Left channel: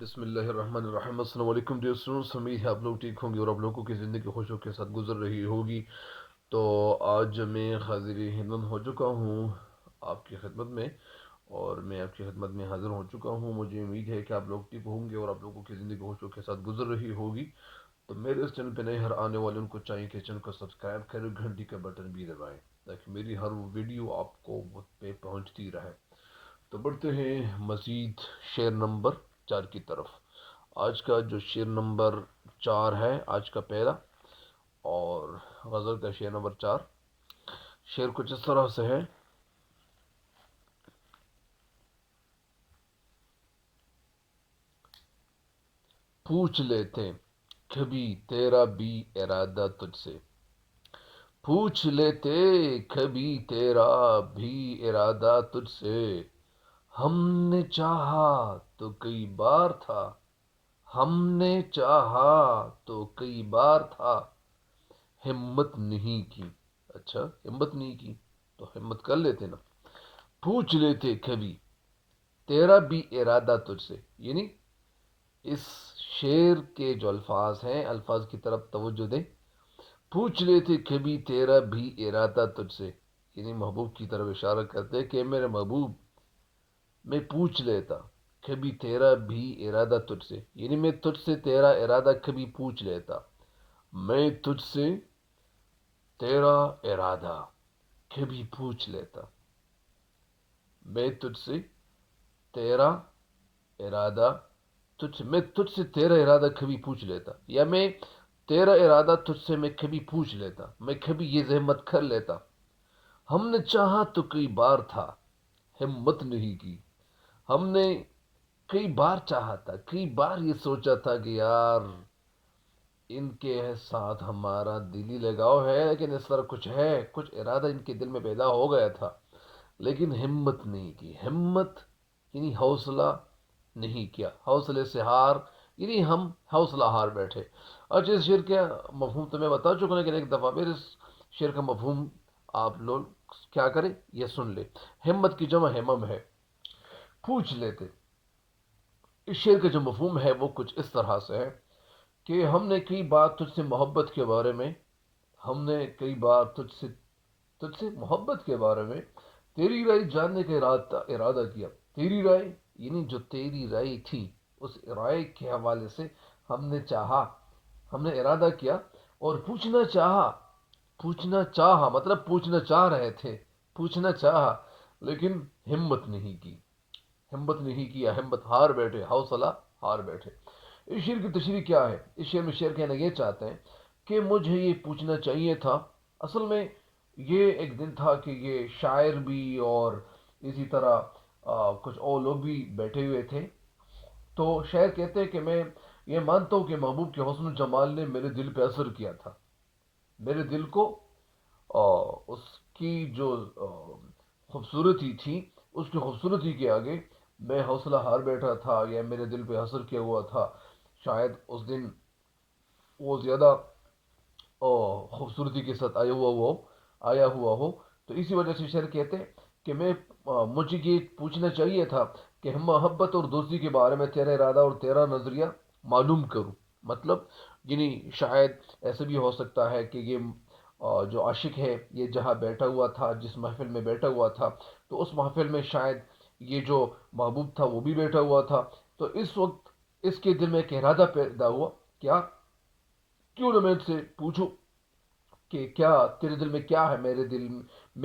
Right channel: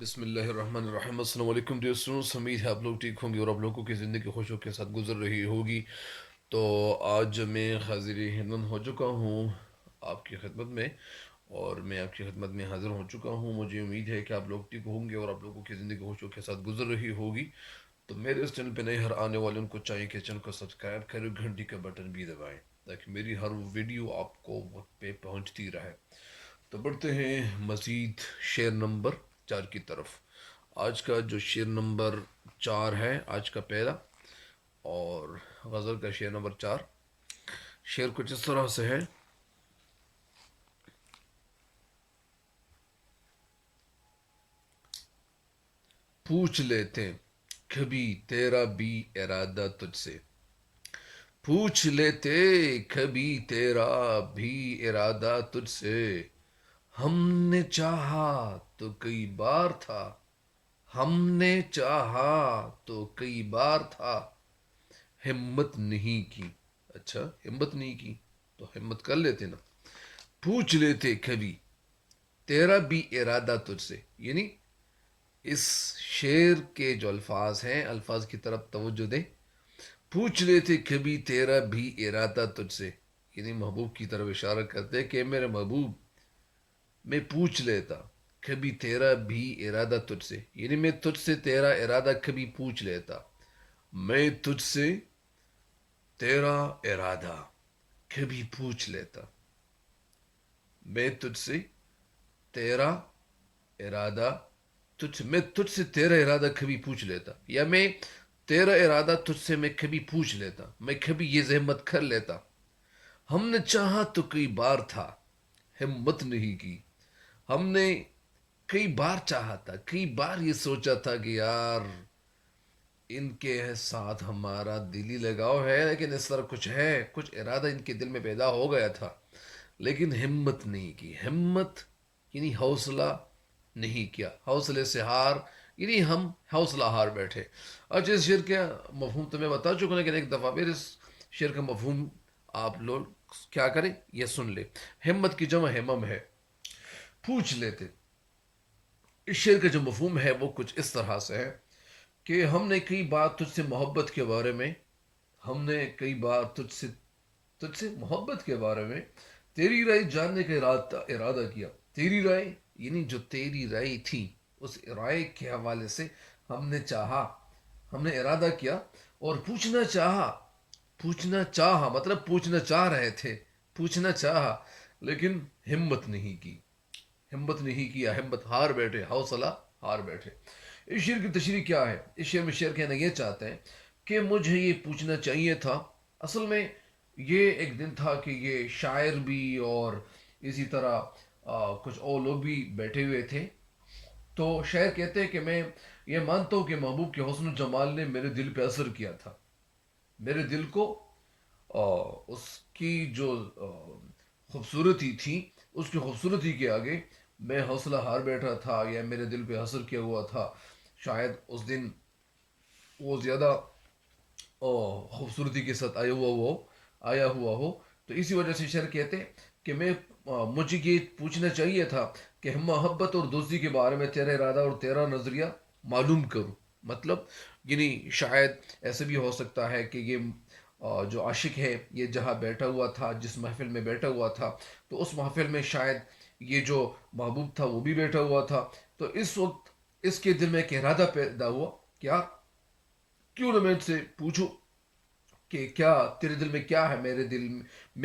بسم اللہ الرحمن الرحیم۔ السلام علیکم ڈیئر اسٹوڈنٹس، امید ہے آپ لوگ ٹھیک ہوں گے اور آپ لوگوں کی زندگی خوشیوں کے ساتھ گزر رہی ہوگی۔ تو آج میں حاضر ہمم ہو چکا ہوں آپ کی خدمت میں، اور میں آپ کی خدمت میں حاضر ہو چکا ہوں۔ مجھے امید ہے کہ آپ لوگ ٹھیک ہوں گے اور آپ لوگوں کی زندگی خوشیوں کے ساتھ گزر رہی ہوگی۔ تو میرے اس چینل پہ نئے ہر آنے والے ان کو چاہیے کہ چینل کو سبسکرائب کریں، گھنٹی کا بٹن بھی دبائیں تاکہ میری ہر ویڈیو آپ کو وقت پہ پہنچتی رہے۔ تو بڑھتے ہیں مزید شعر نمبر 4 کی طرف۔ آج کا جو شعر نمبر 4 ہے، آج کا پہلا اور غزل کا شعر نمبر 4، شعر کچھ اس طرح سے ہے۔ پوچھ لیتے کبھی تیرا بھی ارادہ تجھ سے، پوچھ لیتے کبھی تیرا بھی ارادہ تجھ سے، ہم نے چاہا تو کئی بار تھا، ہم نے چاہا تو کئی بار تھا، ہمت نہیں کی۔ اچھا، ہمت نہیں کی تو ہمت کر لیتے نا۔ پوچھ لیتے کبھی تیرا بھی ارادہ تجھ سے، یعنی اس شعر کے جو الفاظ ہیں، الفاظ کی طرف توجہ دیں۔ پوچھ لیتے کبھی تیرا بھی ارادہ تجھ سے، یعنی محبوب کی طرف اشارہ کرتے کہ میرے محبوب، میں پوچھ لیتا کبھی تیرا بھی ارادہ تجھ سے، یعنی میں تجھ سے تیرا ارادہ کبھی پوچھ لیتا، میں تجھ سے تیرا ارادہ کبھی پوچھ لیتا، میں تجھ سے تیرا ارادہ میں تجھ سے تیرا ارادہ کبھی پوچھ لیتا، یا میں تیرا ارادہ تجھ سے میں کبھی پوچھ لیتا، میں کبھی یہ زحمت کر لیتا۔ ہم نے چاہا تو کئی بار تھا، ہمت نہیں کی۔ ہم نے کئی بار چاہا تھا، کئی بار یہ سوچا تھا کہ یار ان کے ساتھ ہمارا دلی لگاؤ ہے، لیکن اس طرح کچھ ہے، کچھ ارادہ ان کے دل میں پیدا ہو گیا تھا، لیکن ہمت نہیں کی۔ ہمت یعنی حوصلہ نہیں کیا، حوصلے سے ہار، یعنی ہم حوصلہ ہار بیٹھے۔ اچھا، اس شعر کا مفہوم تو میں بتا چکا ہوں، لیکن ایک دفعہ پھر اس شعر کا مفہوم آپ لوگ کیا کریں، یہ سن لیں۔ ہمت کی جمع ہمم ہے۔ پوچھ لیتے، اس شعر کا جو مفہوم ہے وہ کچھ اس طرح سے ہے کہ ہم نے کئی بار تجھ سے محبت کے بارے میں، ہم نے کئی بار تجھ سے محبت کے بارے میں تیری رائے جاننے کا ارادہ کیا۔ تیری رائے یعنی جو تیری رائے تھی، اس رائے کے حوالے سے ہم نے چاہا، ہم نے ارادہ کیا اور پوچھنا چاہا مطلب پوچھنا چاہ رہے تھے، پوچھنا چاہا، لیکن ہمت نہیں کی، ہمت نہیں کیا، ہمت ہار بیٹھے، حوصلہ ہار بیٹھے۔ اس شعر کی تشریح کیا ہے؟ اس شعر میں شعر کہنا یہ چاہتے ہیں کہ مجھے یہ پوچھنا چاہیے تھا۔ اصل میں یہ ایک دن تھا کہ یہ شاعر بھی اور اسی طرح کچھ اور لوگ بھی بیٹھے ہوئے تھے۔ تو شاعر کہتے ہیں کہ میں یہ مانتا ہوں کہ محبوب کے حسن و جمال نے میرے دل پہ اثر کیا تھا، میرے دل کو اس کی جو خوبصورتی تھی، اس کی خوبصورتی کے آگے میں حوصلہ ہار بیٹھا تھا، یا میرے دل پہ اثر کیا ہوا تھا۔ شاید اس دن وہ زیادہ خوبصورتی کے ساتھ آیا ہوا ہو، تو اسی وجہ سے شعر کہتے ہیں کہ مجھے یہ پوچھنا چاہیے تھا کہ ہم محبت اور دوستی کے بارے میں تیرا ارادہ اور تیرا نظریہ معلوم کروں۔ مطلب یعنی شاید ایسا بھی ہو سکتا ہے کہ یہ جو عاشق ہے یہ جہاں بیٹھا ہوا تھا، جس محفل میں بیٹھا ہوا تھا، تو اس محفل میں شاید یہ جو محبوب تھا وہ بھی بیٹھا ہوا تھا۔ تو اس وقت اس کے دل میں ایک ارادہ پیدا ہوا، کیا کیوں نہ میں ان سے پوچھوں کہ کیا تیرے دل میں کیا ہے، میرے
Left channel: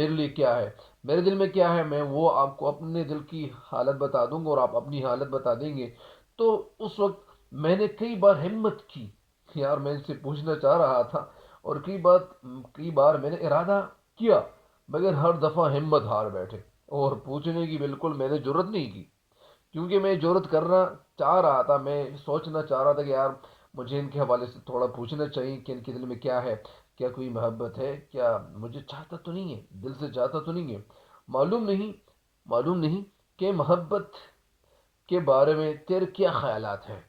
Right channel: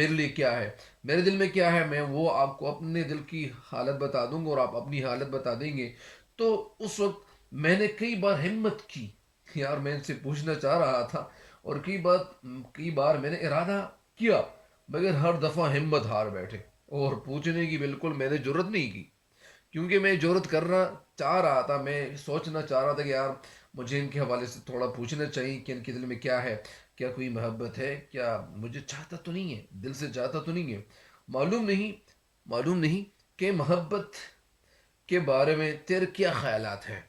لیے کیا ہے، میرے دل میں کیا ہے، میں وہ آپ کو اپنے دل کی حالت بتا دوں گا اور آپ اپنی حالت بتا دیں گے۔ تو اس وقت میں نے کئی بار ہمت کی، یار میں ان سے پوچھنا چاہ رہا تھا، اور کئی بار میں نے ارادہ کیا، مگر ہر دفعہ ہمت ہار بیٹھے اور پوچھنے کی بالکل میں نے جرت نہیں کی، کیونکہ میں جرت کرنا چاہ رہا تھا، میں سوچنا چاہ رہا تھا کہ یار مجھے ان کے حوالے سے تھوڑا پوچھنا چاہیے کہ ان کے دل میں کیا ہے، کیا کوئی محبت ہے، کیا مجھے چاہتا تو نہیں ہے، دل سے چاہتا تو نہیں ہے۔ معلوم نہیں کہ محبت کے بارے میں تیرے کیا خیالات ہیں،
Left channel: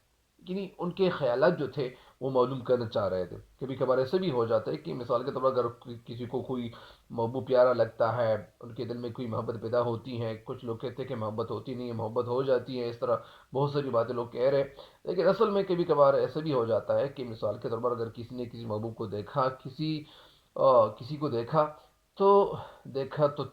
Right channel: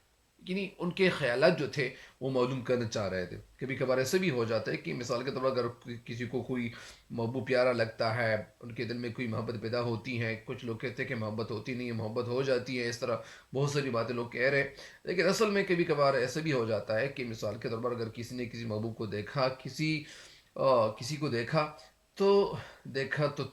یعنی ان کے خیالات جو تھے وہ معلوم کرنا چاہ رہے تھے. کبھی کبھار ایسے بھی ہو جاتا ہے کہ مثال کے طور پر اگر کسی کو کوئی محبوب پیارا لگتا ہے، ان کے دل میں کوئی محبت پیدا ہوتی ہے. کچھ لوگ کہتے ہیں کہ محبت ہوتی نہیں ہے، محبت ہو جاتی ہے، اس طرح بہت ساری باتیں لوگ کہہ رہے ہیں. لیکن اصل میں کبھی کبھار ایسے بھی ہو جاتا ہے کہ مثال کے طور پر اگر کسی نے کسی محبوب کو دیکھا، کسی کو دیکھا تو دیکھا تو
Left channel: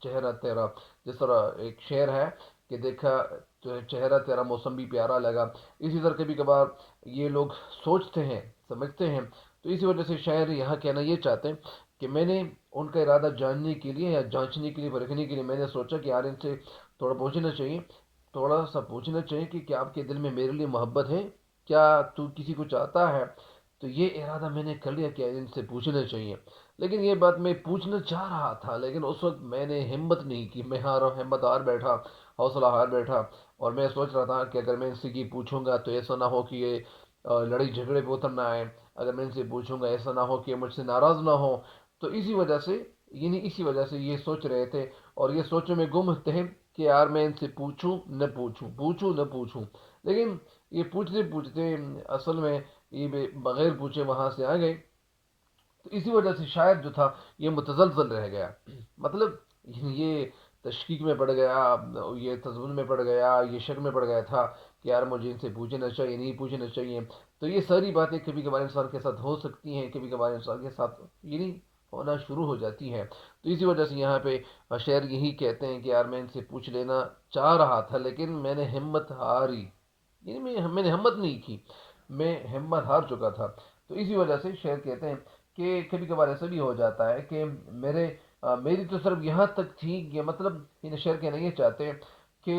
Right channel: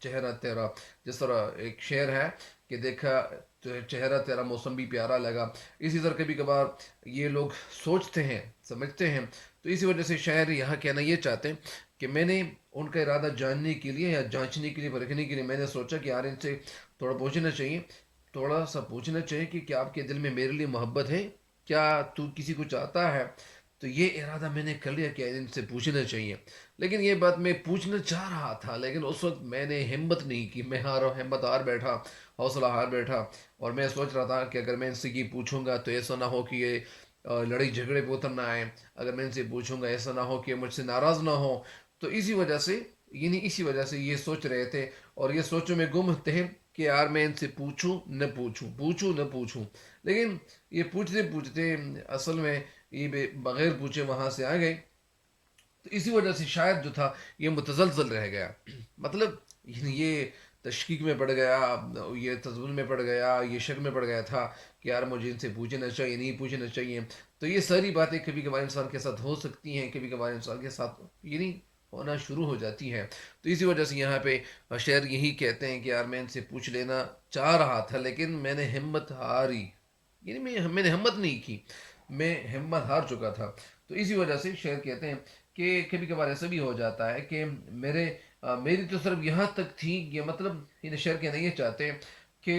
چہرہ تیرا، جس طرح ایک شعر ہے کہ دیکھا تو چہرہ تیرا موسم بھی پیارا لگا. اسی طرح کبھی کبھار یہ لوگ سوچتے ہیں، سمجھتے ہیں. تو اسی وجہ سے شاعر یہاں کہنا یہ چاہتے ہیں کہ میں نے ان کا ارادہ جاننے کے لیے یا جانچنے کے لیے، پرکھنے کے لیے میں نے سوچا کہ یار ان سے تھوڑا پوچھنا چاہیے، تھوڑا سا پوچھنا چاہیے کہ کیا آپ کے دل میں میرے لیے محبت ہے، کیا تو کسی کو چاہتا ہے. تو یہ ارادہ میں نے کر لیا کہ ان سے پوچھنا چاہیے. لیکن یہ بات میں پوچھنا چاہ رہا تھا، لیکن اس وقت میں نے ہمت نہیں کی. میں ہمت ہار بیٹھا، حوصلہ ہار بیٹھا. اور میں سوچ رہا تھا کہ اگر میں ان سے یہ پوچھوں گا تو ایسا نہ ہو کہ یہ لڑائی جھگڑے پہ اتر نہ آئے. اگر میں ان سے پوچھوں گا ایسا نہ ہو کہ مجھ سے ناراض نہ ہو. تو اسی وجہ سے یہ سوچ رہے تھے اور یہ سوچوں میں گم تھے کہ یار میں ان سے پوچھوں نہ پوچھوں، پوچھوں نہ پوچھوں. لیکن یہ پوچھتے پوچھتے اصل میں یہ بغیر پوچھے وہاں سے آ گئے. تو اسی وجہ سے شاید جو تھا یہ متزلزل رہ گیا. مطلب یہ تشکیک میں پڑ گیا، یہ تزول میں پڑ گیا، یہ شک میں پڑ گیا تھا کہ یار مجھے ان سے پوچھنا چاہیے نہیں پوچھنا چاہیے. تو یہ ساری باتیں کبھی کبھار انسان کے ساتھ ہو سکتی ہیں، کبھی کبھار انسان کے ساتھ یعنی ہونا شروع ہو جاتی ہے. تو اسی وجہ سے یہاں پہ شعر یہی کہتے ہیں کہ یار میں ان سے پوچھ لینا چاہ رہا تھا لیکن میں نے ہمت ہاری. یعنی میں نے ہمت نہیں کی، میں ہمت ہار چکا تھا. تو اسی وجہ سے شعر کہتے ہیں کہ کبھی کبھار ایسا بھی ہو جاتا ہے کہ میری تو صرف یہاں تک تھی. یہ مطلب ان شعر کہنا یہ چاہتے ہیں کہ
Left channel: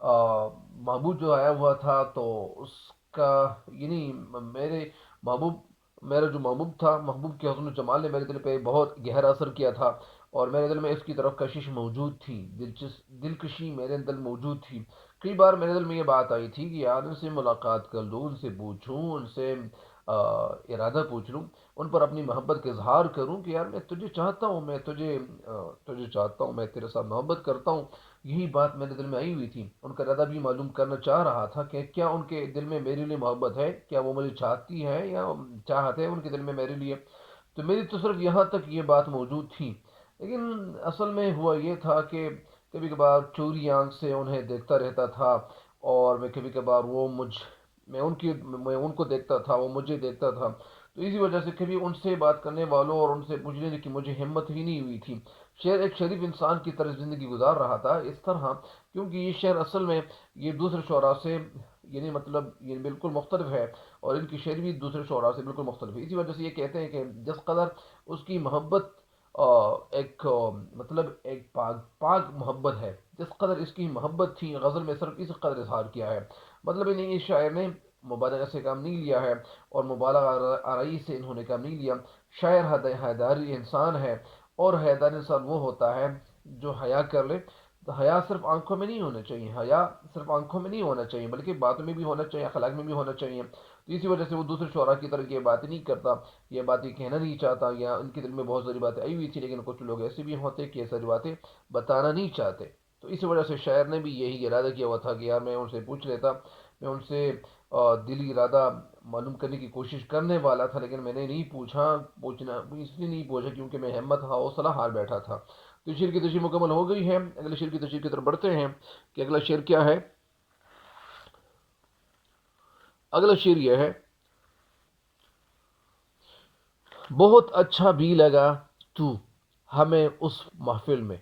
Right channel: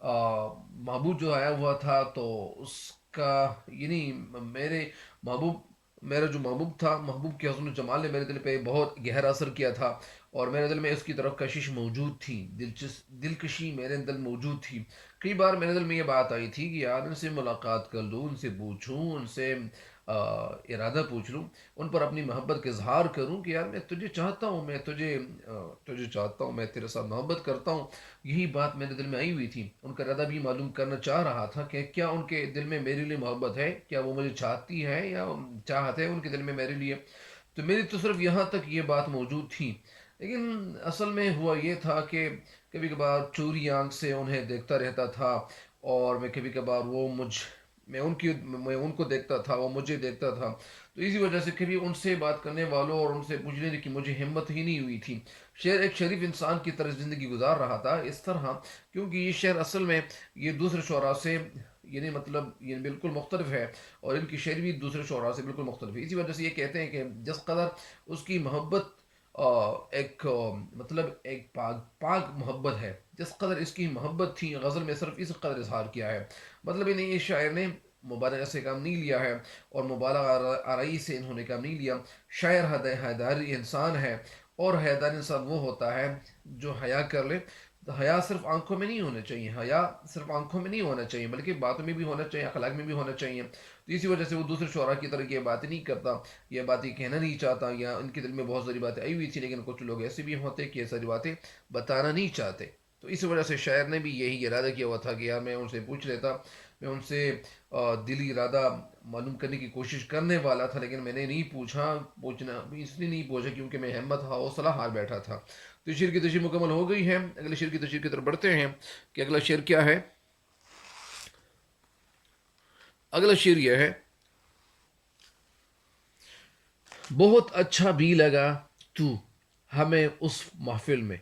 محبوب جو آیا ہوا تھا تو اس کا یعنی میرے محبوب میرا جو محبوب تھا، محبوب کے حسن و جمال نے میرے دل پہ بہت گہرا اثر کیا تھا. اور میرے دل میں اس کی طرف کشش موجود تھی، دلکشی میرے دل موجود تھی. کئی بار میرے دل میں یہ بات آئی تھی کہ یار ان سے ملاقات کر لوں، ان سے پوچھوں، ان سے ارادہ پوچھ لوں، ان پر اپنی محبت کا اظہار کروں کہ یار میں تجھے چاہتا ہوں، میں تجھے چاہتا ہوں، میں تیرے ساتھ محبت کرتا ہوں. یہی بات میرے دل میں آئی ہوئی تھی. ان کا ارادہ بھی معلوم کرنا چاہ رہا تھا کہ کیا ان کے دل میں میرے لیے محبت ہے، کیا وہ مجھے چاہتی ہے یا چاہت ہے ان کے دل میں میرے لیے. تو میری تو صرف یہاں تک یہ بات موجود تھی. لیکن اصل میں ہوا یہ تھا کہ کبھی کبھار چوری آنکھ سے انہیں دیکھتا رہتا تھا اور میں کبھی کبھار میں ان کو دیکھتا تھا، وہ مجھے دیکھتا تھا. تو اسی وجہ سے کبھی ان سے بات کرنے والوں اور ان سے پوچھنے کی مجھے ہمت ہی نہیں ہوئی تھی. شعر ایک شریف انسان کی طرح زندگی گزار رہا تھا اس طرح، کیونکہ یہ شعر اصل میں یہ دوسرے شعراء سے یعنی مطلب یہ بالکل مختلف ہے اور ان کی شعر بھی دوسرے شعراء سے بالکل مختلف ہے. اسی وجہ سے یہ کہتے ہیں کہ جس قدر اس کی محبت مطلب ایک پاک محبت ہے، جس قدر اس کی محبت تھی غزل میں صرف اس قدر اظہار کیا ہے. مطلب انہیں اس شاعر نے مبالغہ سے کام نہیں لیا ہے اور مبالغہ آرائی سے انہوں نے کام نہیں لیا. شاعر حیداری انسان ہے اور حیدار انسان وہ ہوتا ہے جو حیا کر لے. تو حیا صرف آنکھوں میں نہیں ہونا چاہیے، حیا صرف آنکھوں میں نہیں ہونا چاہیے بلکہ باتوں میں بھی ہونا چاہیے، اخلاق میں بھی ہونا چاہیے. تو اسی وجہ سے وہ دوسرے شعراء کی طرح یہ باتیں نہیں کرتا، یہ باتیں کہنا نہیں چاہتا، یا ان کے دل میں بہت ساری باتیں آئی ہوئی تھی لیکن کچھ لوگ ایسے بھی ہوتے کہ یہ ساری باتیں بتانا نہیں چاہتے. تو اس وجہ سے شاعر نے بھی یہی ارادہ کیا ہوا تھا کہ یار میں ان سے پوچھ لیتا، میں ان سے دلی ارادہ معلوم کرنے کی کوشش کرنے والا تھا لیکن میں نے نہیں پوچھنا اس لیے نہیں پوچھا کیونکہ میں ہمت حوصلہ ہار بیٹھا تھا. تو شعر کی تشریح مکمل ہو گئی ہے. اگلے شعر کی تشریح کی طرف بڑھتے ہیں کہ اگلا شعر کیا ہے. اگلا شعر یہ ہے: بہت اچھا بھی لگا تو ہمیں اس محفل میں،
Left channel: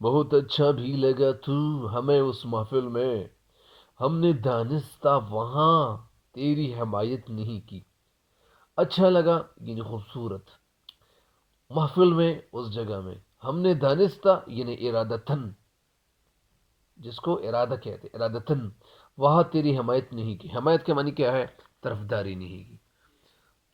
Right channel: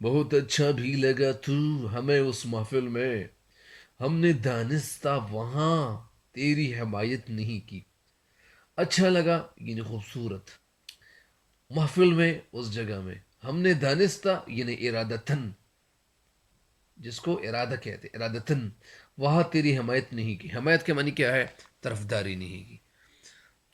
بہت اچھا بھی لگا تو ہمیں اس محفل میں، ہم نے دانستہ وہاں تیری حمایت نہیں کی. اچھا لگا یعنی خوبصورت، محفل میں اس جگہ میں، ہم نے دانستہ یعنی ارادتن، جس کو ارادہ کہتے ارادتن، وہاں تیری حمایت نہیں کی. حمایت کے معنی کیا ہے؟ طرفداری نہیں کی.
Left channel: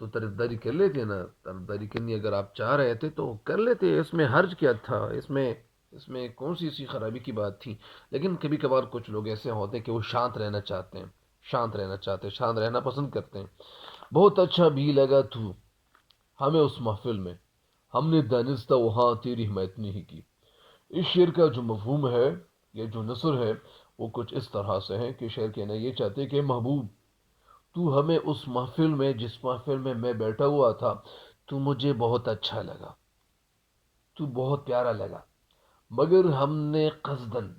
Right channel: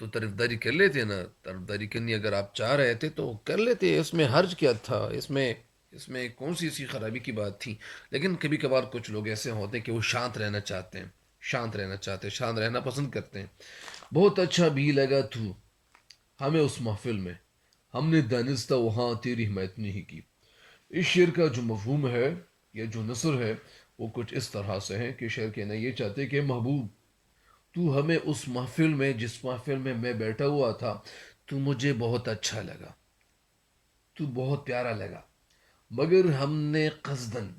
تو طرفداری کر لیتے نا، طرفداری کرنی اگر آپ چاہ رہے تھے تو کر لیتے، اس میں حرج کیا تھا، اس میں کون سی ایسی خرابی کی بات تھی. لیکن کبھی کبھار کچھ لوگ ایسے ہوتے ہیں کہ وہ شانت رہنا چاہتے ہیں، شانت رہنا پسند کرتے ہیں. بہت اچھا بھی لگا تو ہمیں اس محفل میں، ہم نے دانستہ وہاں تیری حمایت نہیں کی. اس شعر کا جو مفہوم ہے یا جو نثر ہے وہ کچھ اس طرح سے ہے کہ شعر کہنا یہ چاہتے کہ محبوب تو ہمیں اس محفل میں جس محفل میں میں بیٹھا ہوا تھا تو مجھے بہت اچھا لگا، تو بہت پیارا لگا، مگر ہم نے قصدن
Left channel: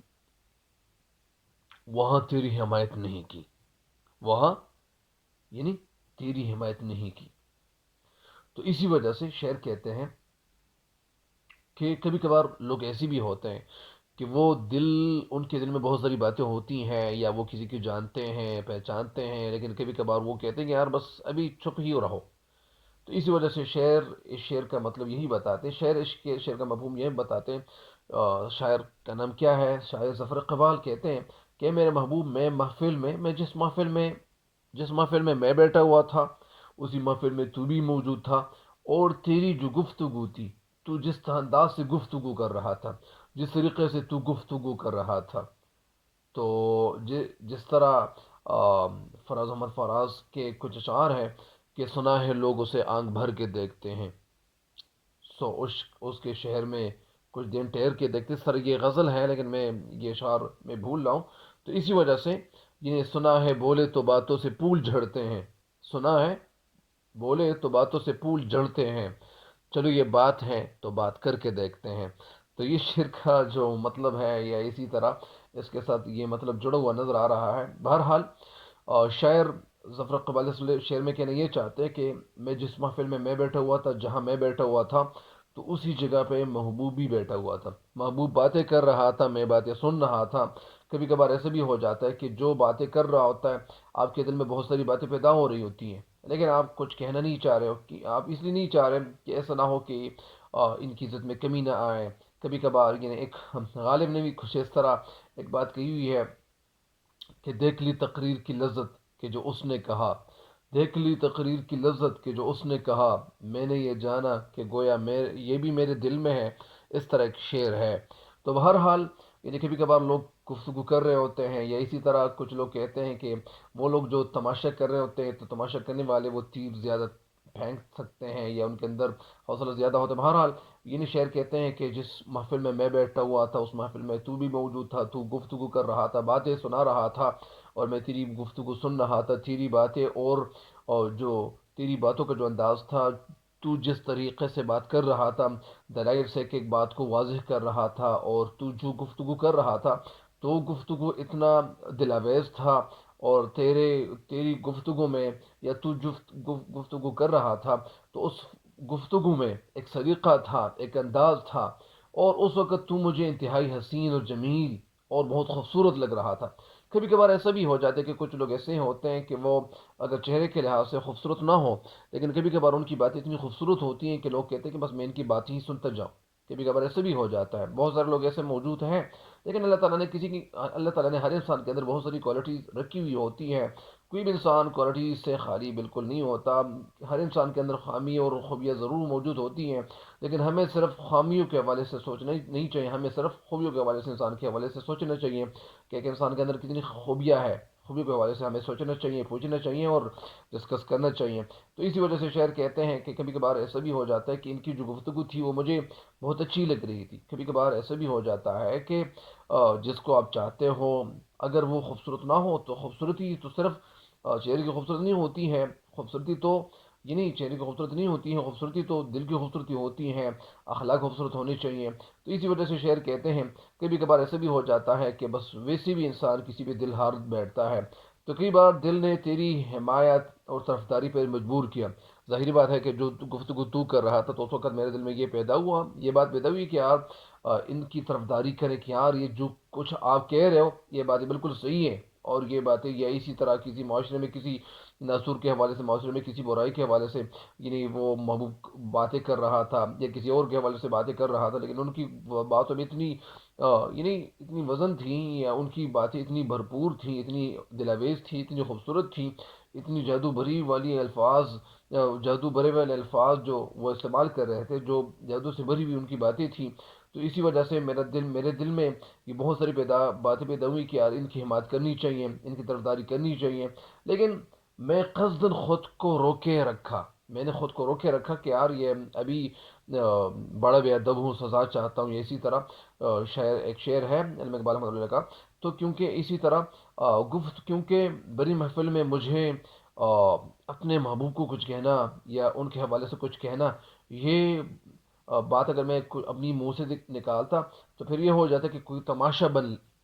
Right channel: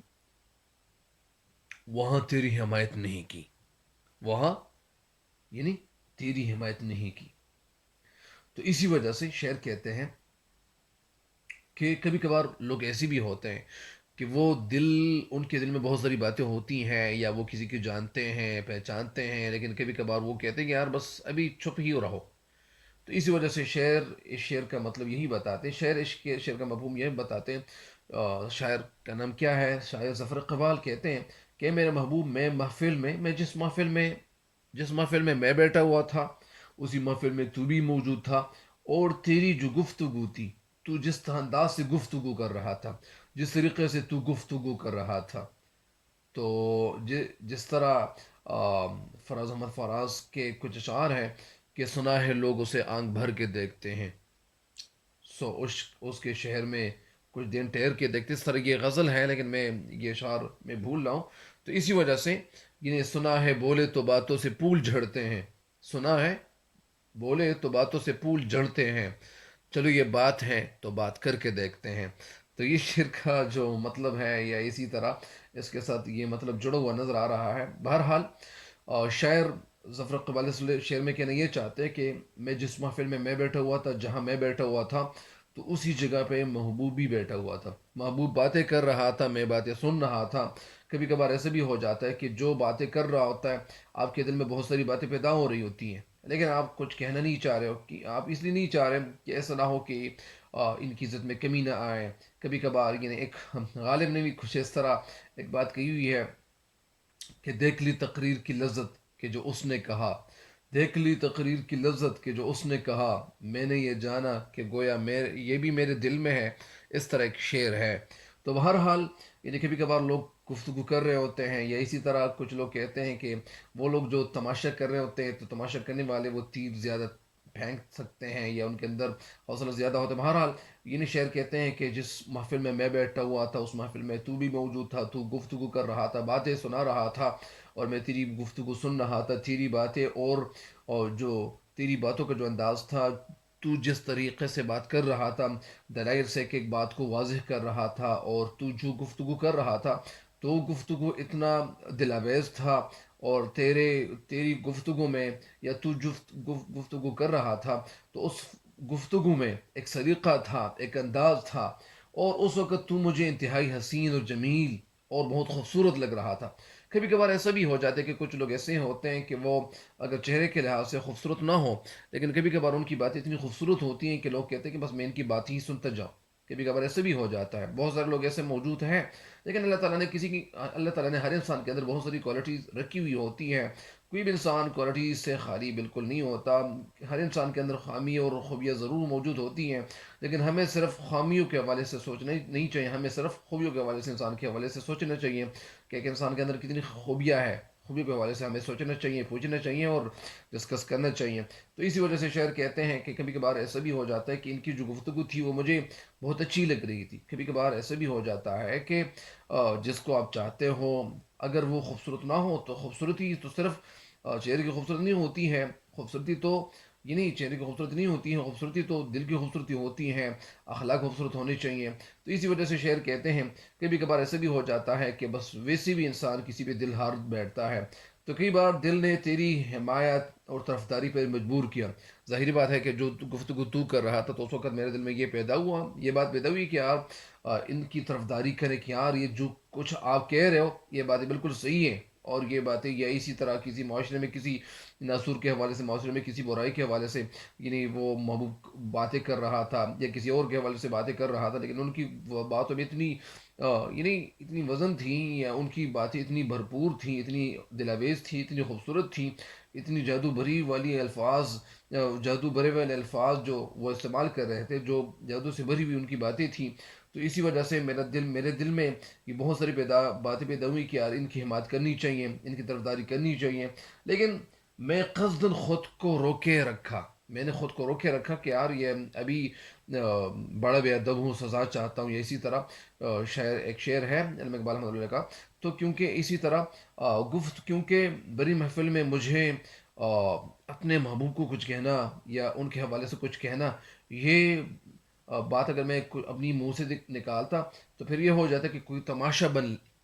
وہاں تیری حمایت نہیں کی، وہاں یعنی تیری حمایت نہیں کی۔ تو اسی وجہ سے شعر کہتے ہیں کہ کبھی کبھار لوگ ایسے بھی ہوتے ہیں کہ وہ ان کے دل میں بہت ساری باتیں ہوتی ہیں، یا وہ کسی کو جانتے ہیں پہچانتے ہیں، لیکن کبھی کبھار وہ کہتے ہیں کہ یار بس ابھی چھپ ہی رہو۔ تو اسی وجہ سے اس شعر کا مطلب یہی بتاتے ہیں، شعر کا مفہوم یہ بتاتے ہیں۔ شاعر کا نام کیا ہے؟ شاعر ظفر اقبال کہتے ہیں کہ میرے محبوب، میں جس محفل میں میں بیٹھا ہوا تھا اسی محفل میں تو بھی موجود تھا، اور تیری جو گفتگو تھی، تو جس انداز سے گفتگو کر رہا تھا، جس طریقے سے تو گفتگو کر رہا تھا، تو جس طرح فراز احمد فراز کے کچھ اشعار ہیں کہ سنا ہے لوگ اسے آنکھ بھر کے دیکھتے ہیں، سو اس کے شہر میں کچھ دن ٹھہر کے دیکھتے، اس طرح یہ غزل ہے لیکن میں یہ اشعار میں بھول رہا ہوں۔ تو اسی وجہ سے یہ سنا ہے بولے تو باتوں سے پھول جھڑتے ہیں، سنا ہے بولے تو باتوں سے پھول جھڑتے ہیں، چلو یہ بات ہے تو بات کر کے دیکھتے ہیں۔ تو یہ شعر کا جو مطلب ہے، یا اسی طرح اس کے ساتھ یہ مطلب جڑا ہوا نظر آ رہا ہے۔ بہرحال شاعر ظفر اقبال اس شعر میں کہنا یہ چاہتے ہیں کہ میں جس محفل میں بیٹھا ہوا تھا، جہاں میں بیٹھا ہوا تھا، تو اسی جگہ پہ محبوب بھی بیٹھا ہوا تھا، محبوب باتیں کر رہا تھا، میں باتیں سن رہا تھا۔ کبھی کبھار ایسے بھی ہو جاتا ہے کہ جو باتیں کر رہا ہوتا ہے، آپ کے دل میں بہت ساری باتیں پیدا ہو رہی ہوتی ہیں، لیکن آپ کچھ کہنا نہیں چاہ رہے ہو، کہ آپ اس لیے نہیں چاہ رہے کہ ایسا نہ ہو کہ ان کی عزت میں کمی نہ آئے۔ کبھی کبھار یعنی ایک غالب نے بھی کچھ اس طرح ایک بات کہی ہوئی ہے کہ دیکھ لی تقریر کی لذت کہ جو اس نے کہا، دیکھ لی تقریر کی لذت کہ جو اس نے کہا، میں نے یہ جانا کہ گویا یہ بھی میرے دل میں ہے۔ اس طرح ایک شعر ہے۔ تو بہرحال یعنی کبھی کبھار لوگ گفتگو کر رہے ہوتے ہیں، یا اسی طرح کچھ لوگ کہتے ہیں کہ وہ لوگ جو تماشا کر رہے ہوتے ہیں، تو تماشا کرنے والے وہ تیر زیادہ پھینک سکتے ہیں، یا ان کے اندر حوصلہ زیادہ ہوتا ہے۔ بہرحال یہ شعر کہتے ہیں کہ جس محفل میں بیٹھا ہوا تھا اس محفل میں تو بھی موجود تھا، تو گفتگو کر رہا تھا، باتیں سنا رہا تھا، اور میں تیری گفتگو سن رہا تھا، تیری باتیں اور جو تیری باتوں کا جو انداز تھا، تو جس طریقے سے بات کر رہا تھا، دلائل سے ایک ایک بات کو واضح کر رہا تھا، اور تو جو گفتگو کر رہا تھا تو گفتگو اتنا دلاویز تھا، اور تیری گفتگو میں، یا تو جو گفتگو کر رہا تھا، تو اس گفتگو میں ایک سلیقہ تھا، ایک انداز تھا، اور اس وقت تو مجھے انتہائی حسین اور جمیل اور بہت خوبصورت لگ رہا تھا۔ کبھی کبھار ایسا بھی ہو جاتا ہے کہ کچھ لوگ ایسے ہوتے ہیں کہ وہ اگر چہرے کے لحاظ سے خوبصورت نہ ہو، لیکن کبھی کبھار ان کی باتیں اتنی خوبصورت ہوتی ہیں کہ لوگ کہتے ہیں کہ بس میں ان کی بات ہی سنتا جاؤں۔ کبھی کبھار ایسے بھی ہو جاتا ہے، بہت سارے لوگ ایسے موجود ہیں، لیکن اللہ تعالیٰ نے ہر انسان کے اندر بہت ساری کوالٹیز رکھی ہوئی ہوتی ہیں۔ کوئی بھی انسان کوالٹیز سے خالی بالکل نہیں ہوتا، ہر انسان کے اندر خامی اور خوبیاں ضرور موجود ہوتی ہیں، لیکن ہمیں صرف خامیوں کے حوالے سے سوچنا نہیں چاہیے، ہمیں صرف خوبیوں کے حوالے سے، انسان کے حوالے سے سوچنا چاہیے کہ ایک انسان کے اندر کتنی خوبیاں ہے، خوبیوں کے حوالے سے ہمیں سوچنا چاہیے، پوچھنا چاہیے اور ڈسکس کرنا چاہیے۔ تو اسی وجہ سے شاعر کہتے ہیں کہ کبھی کبھار ایسا بھی ہو جاتا ہے کہ ان کی جو گفتگو تھی وہ مجھے بہت اچھی لگ رہی تھی۔ کبھی کبھار ایسا بھی ہو جاتا ہے کہ جس کو آپ چاہتے ہو اگر وہ خوبصورت نہ ہو، تو خوبصورتی تو صرف چہرے کی خوبصورتی نہیں ہوتی ہے، خوبصورتی تو یہ نہیں، چہرے کی خوبصورتی نہیں ہوتی ہے، خوبصورتی تو دل کی خوبصورتی ہوتی ہے، اخلاق خوبصورت ہونے چاہیے۔ تو اسی وجہ سے شعر کہتے ہیں کبھی کبھار ایسا بھی ہو جاتا ہے کہ بس ویسے بھی انسان کسی پہ دل ہار بیٹھتا ہے، تو کئی بار دل نے تیری حمایت اور طرفداری پر مجبور کیا۔ ظاہری بات ہے کہ جو گفتگو تو کر رہا تھا، تو اس وقت میرے دل میں یہ بات پیدا ہوئی کہ یار ان کی طرفداری کرے، کہ یار یہ جو کچھ آپ کہہ رہے ہو یہ باتیں بالکل صحیح ہیں، اور یہ باتیں یا اسی طرح کسی معاشرے میں کسی ناصور کے حوالے سے، معاشرے میں کسی برائی کے حوالے سے، یعنی وہ محبوب باتیں کر رہا تھا یا کسی اور کے حوالے سے باتیں کر رہا تھا، لیکن ان کی باتوں میں یعنی اتنی وزن تھیں، یا ان کی باتیں اتنی بھرپور تھیں، اتنی دلاویز تھیں، اتنی خوبصورت تھیں، اتنی جادو بھرے والے الفاظ جو وہ استعمال کر رہے تھے، جو جادو سے بھری ہوئی ان کی باتیں تھیں۔ تو اسی وجہ سے میرے دل میں یہ بہت ساری باتیں پیدا ہوئی کہ یار ان کی حمایت کرنی چاہیے، ان کی طرفداری کرنی چاہیے، لیکن میں قصدن خود کو روکے رکھا، میں نے خود کو روکے رکھا کہ یار یہ ابھی بڑا بے ادب ہوں، سزا چاہتا ہوں، یا اسی طرح ایک شعر ہے علم اقبال احمد اللہ کا، تو کیونکہ اسی طرح کیونکہ بڑی محفل میں مجھے اپنے محبوب کو کچھ کہنا یا ان کے حوالے سے کچھ کہنا، یہ بات اگر میں اپنی منہ سے نکالتا تو پھر یہ ہو جاتا کہ کوئی تماشا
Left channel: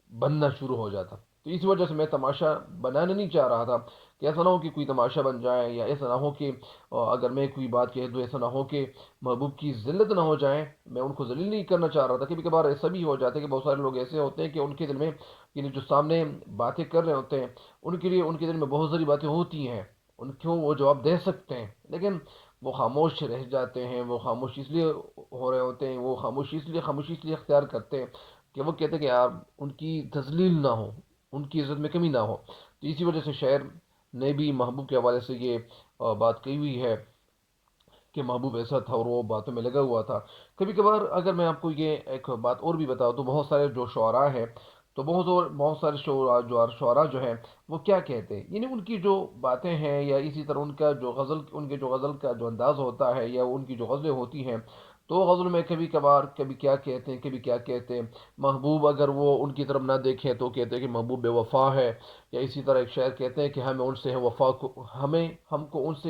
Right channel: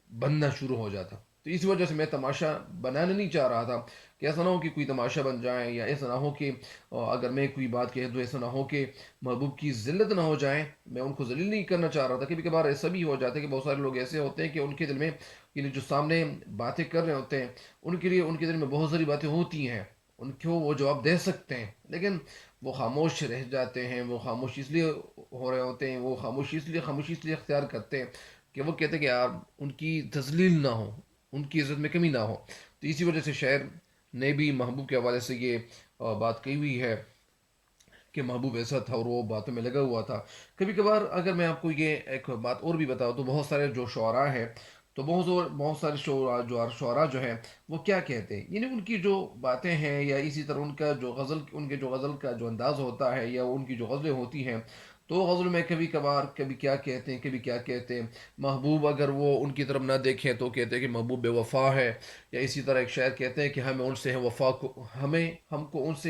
بننا شروع ہو جاتا. تو اس وجہ سے میں تماشا بنانا نہیں چاہ رہا تھا کہ ایسا نہ ہو کہ کوئی تماشا بن جائے، یا ایسا نہ ہو کہ اگر میں کوئی بات کہہ دوں ایسا نہ ہو کہ محبوب کی ذلت نہ ہو جائے. میں ان کو ذلیل نہیں کرنا چاہ رہا تھا. کبھی کبھار ایسا بھی ہو جاتا ہے کہ بہت سارے لوگ ایسے ہوتے ہیں کہ ان کے دل میں، یعنی جو سامنے باتیں کر رہے ہوتے ہیں ان کے لیے ان کے دل میں بہت ساری باتیں ہوتی ہیں، ان کو وہ جواب دے سکتے ہیں، لیکن وہ خاموش رہ جاتے ہیں. وہ خاموش اس لیے ہو رہے ہوتے ہیں، وہ خاموشی اس لیے اختیار کرتے ہیں کہ وہ کہتے ہیں کہ یار ان کی تذلیل نہ ہو، ان کی عزت میں کمی نہ ہو. تو اسی وجہ سے شاعر نے بھی محبوب کے حوالے سے یہ بات کہی ہوئی ہے کہ محبوب ایسا تھا اور وہ باتوں میں لگا ہوا تھا. کبھی کبھار اگر میں آپ کو یہ ایک بات اور بھی بتاؤں تو بہت سارے جو شعراء ہیں، تو بہت سارے شعراء جو ہیں وہ کیا کہتے ہیں، یعنی ان کی جو باتیں ہیں، یا اسی طرح ان کے جو غزل کا جو انداز ہوتا ہے، یا ان کی جو غزلیں ہوتی ہیں، تو غزل میں کبھی کبھار کبھی کیا کہتے ہیں، کبھی کیا کہتے ہیں. محبوب اگر وہ ان کی طرف نہ دیکھیں تو کہتے ہیں کہ محبوب بے وفا ہے. یا اسی طرح ایک شاعر کہتے ہیں کہ ہم کو ان سے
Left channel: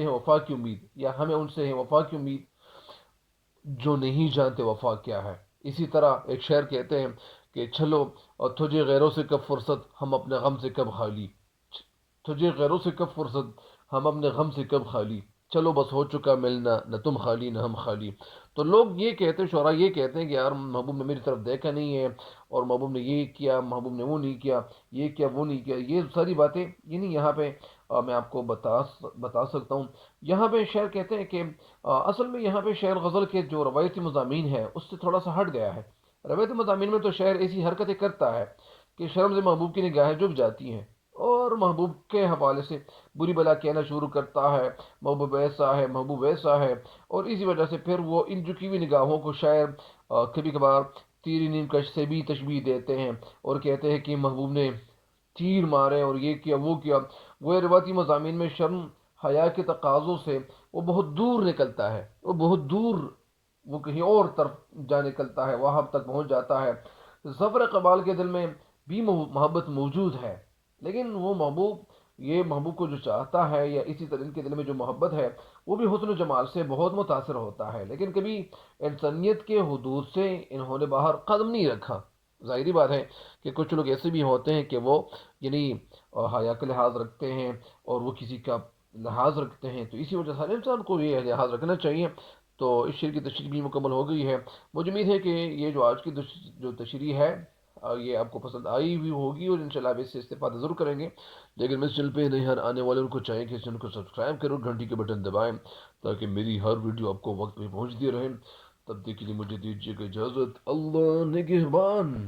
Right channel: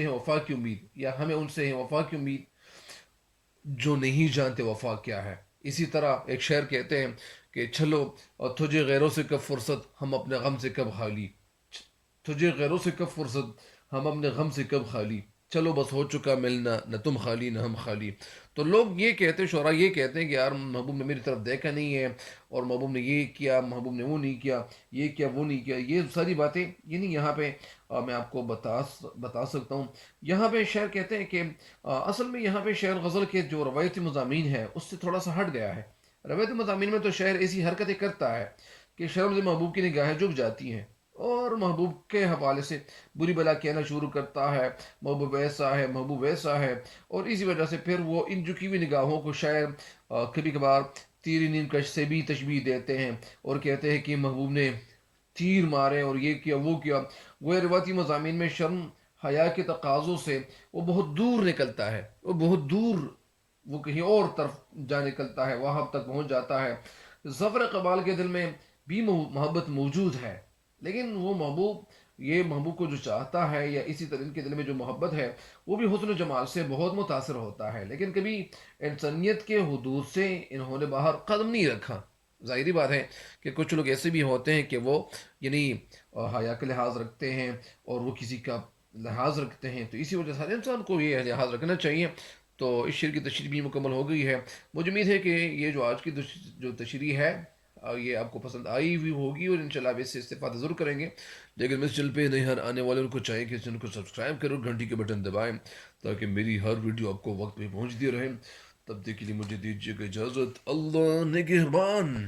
ہے وفا کی امید، یا ہمیں ان سے ہے وفا کی امید جو نہیں جانتے وفا کیا ہے. اسی طرح ایک شعر کہتے ہیں کہ چلو اور تجھے غیروں سے کب فرصت، ہم اپنے غم سے کب خالی. تجھے غیروں سے کب فرصت، ہم اپنے غم سے کب خالی. چلو بس ہو چکا ملنا، نہ تم خالی نہ ہم خالی. تو لوگ یہ کہتے ہیں، شعراء یہ کہتے ہیں کہ یار محبوب نے میری طرف دیکھا نہیں ہے، اور محبوب نے یہ کیا، محبوب نے وہ نہیں کیا، یہ کیا وہ نہیں کیا. یہ ساری باتیں یعنی یہاں پہ میں آپ کو بتا سکتا ہوں. یہاں پہ شعر کہتے ہیں کہ اصل میں یہاں پہ شعر غزل کے جو روایتی مضامین ہے اس سے تھوڑا سا ہٹ گیا ہے. روایتی مضامین میں تو شعر ایسی حرکتیں کرتا ہے کہ شرم سے محبوب کی نگاہیں جھک جاتی ہیں، اور محبوب کے حوالے سے بری بلا کہنا شروع کرتا ہے، محبوب ایسا ہے، محبوب ویسا ہے. اور اسی وجہ سے پھر وہ ان جھکی ہوئی نگاہوں کو شاعر کبھی کبھار تیری نیم کش سے بھی تشبیہ دیتے ہیں، اور کہتے ہیں کہ محبوب نے تیر مارے اور یہ کیا وہ کیا. وہ روایتی مضامین میں شرم حیا کے تقاضوں سے وہ بہت دور نکلتا ہے، وہ بہت دور، وہ کہیں اور طرف جا نکلتا ہے، وہاں تک پہنچ جاتا ہے. ظفر قبال کے دل میں بھی محبت موجود ہے، لیکن وہ محبوب، یہ محبوب کو جو چاہتا ہے، یا اسی طرح ان کے دل میں جو محبت ہے وہ بھی حسن و جمال سے بہت متاثر ہوتا ہے، لیکن کبھی انسانیت کے حدود سے انہوں نے باہر قدم نہیں رکھا. ظاہری بات ہے کہ کچھ لوگ ایسے بھی ہوتے ہیں کہ وہ یعنی حیا کا لحاظ رکھتے ہیں، اور وہ کسی کا لحاظ رکھتے ہیں. تو اسی وجہ سے ہر انسان کو یہ لحاظ رکھنا چاہیے. تو اس شعر کی تشریح بھی مکمل ہو گئی ہے. مجھے امید ہے کہ یہ جو آج کی جو تشریح ہے یہ آپ کو پسند آئی ہوئی ہوگی، اور انشاءاللہ آپ اس سے استفادہ ضرور کریں گے. لیکن اس چینل پہ نئے ہر آنے والے ان کو چاہیے کہ اس چینل کو سبسکرائب کرو، گھنٹی کے بٹن دبائیں تاکہ میری ہر ویڈیو آپ کو وقت پہ پہنچتی رہے. تب تک کے لیے مجھے دیجیے گا اجازت. اللہ نگہبان.